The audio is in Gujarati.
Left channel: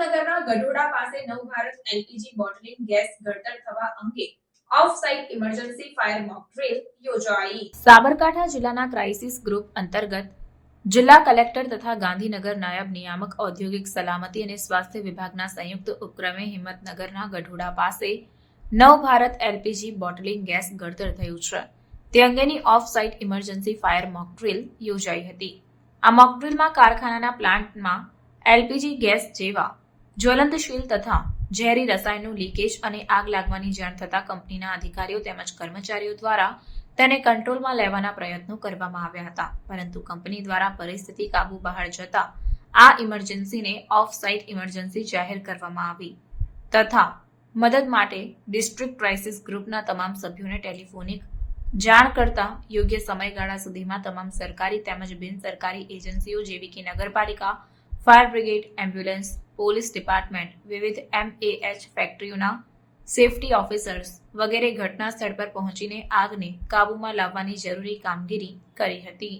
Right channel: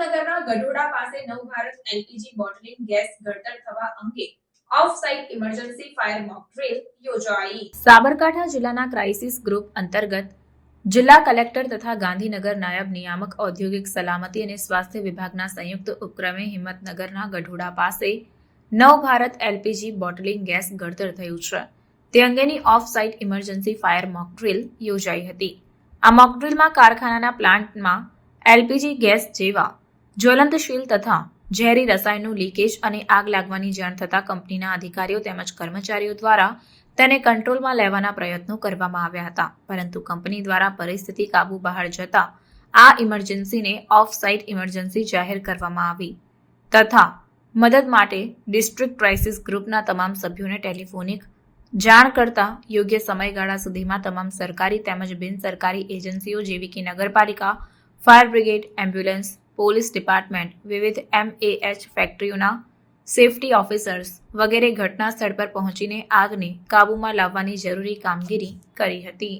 હિંમતનગરના ગઢોડા પાસે નવભારત એલપીજી બોટલિંગ ગેસ ગળતર થવા અંગે of site emergency fire mock drill યોજાઈ। સાબરકાંઠા જિલ્લાના ક્રાઇસિસ ગ્રુપ અંતર્ગત જિલ્લા કલેક્ટર તથા ગાંધીનગર નાયબ નિયામક ઔદ્યોગિક સલામતી અને સ્વાસ્થ્ય વિભાગના સંયુક્ત ઉપક્રમે હિંમતનગરના ગઢોડા પાસે નવભારત એલપીજી બોટલિંગ ગેસ ગળતર થયું છે તે અંગેની of site emergency fire mock drill યોજાઈ હતી। આ મોક ડ્રીલમાં કારખાનાના પ્લાન્ટમાં એલપીજી ગેસ જેવા જ્વલંતશીલ તથા ઝેરી રસાયણનું લીકેજ અને આગ લાગવાની જાણ થતાં કંપનીના અધિકારીઓ તેમજ કર્મચારીઓ દ્વારા તેને કંટ્રોલમાં લેવાના પ્રયત્નો કરવામાં આવ્યા હતા, પરંતુ કંપની દ્વારા પરિસ્થિતિ કાબુ બહાર જતા આ ઇમરજન્સીને ઓફ સાઇટ ઇમરજન્સી જાહેર કરવામાં આવી તથા મદદ માટે ડિસ્ટ્રિક્ટ ક્રાઇસિસ ગ્રુપના તમામ સભ્યોને ટેલિફોનિક જાણ કરતા યોગ્ય સમયગાળા સુધીમાં તમામ સરકારી તેમજ બિનસરકારી એજન્સીઓ જેવી કે નગરપાલિકા, fire brigade, ambulance, police department, વિવિધ MAH ફેક્ટરીઓના સેફટી ઓફિસર્સ વગેરે ઘટના સ્થળ પર પહોંચીને આગને કાબૂમાં લાવવાની જરૂરી કામગીરી કરી હતી।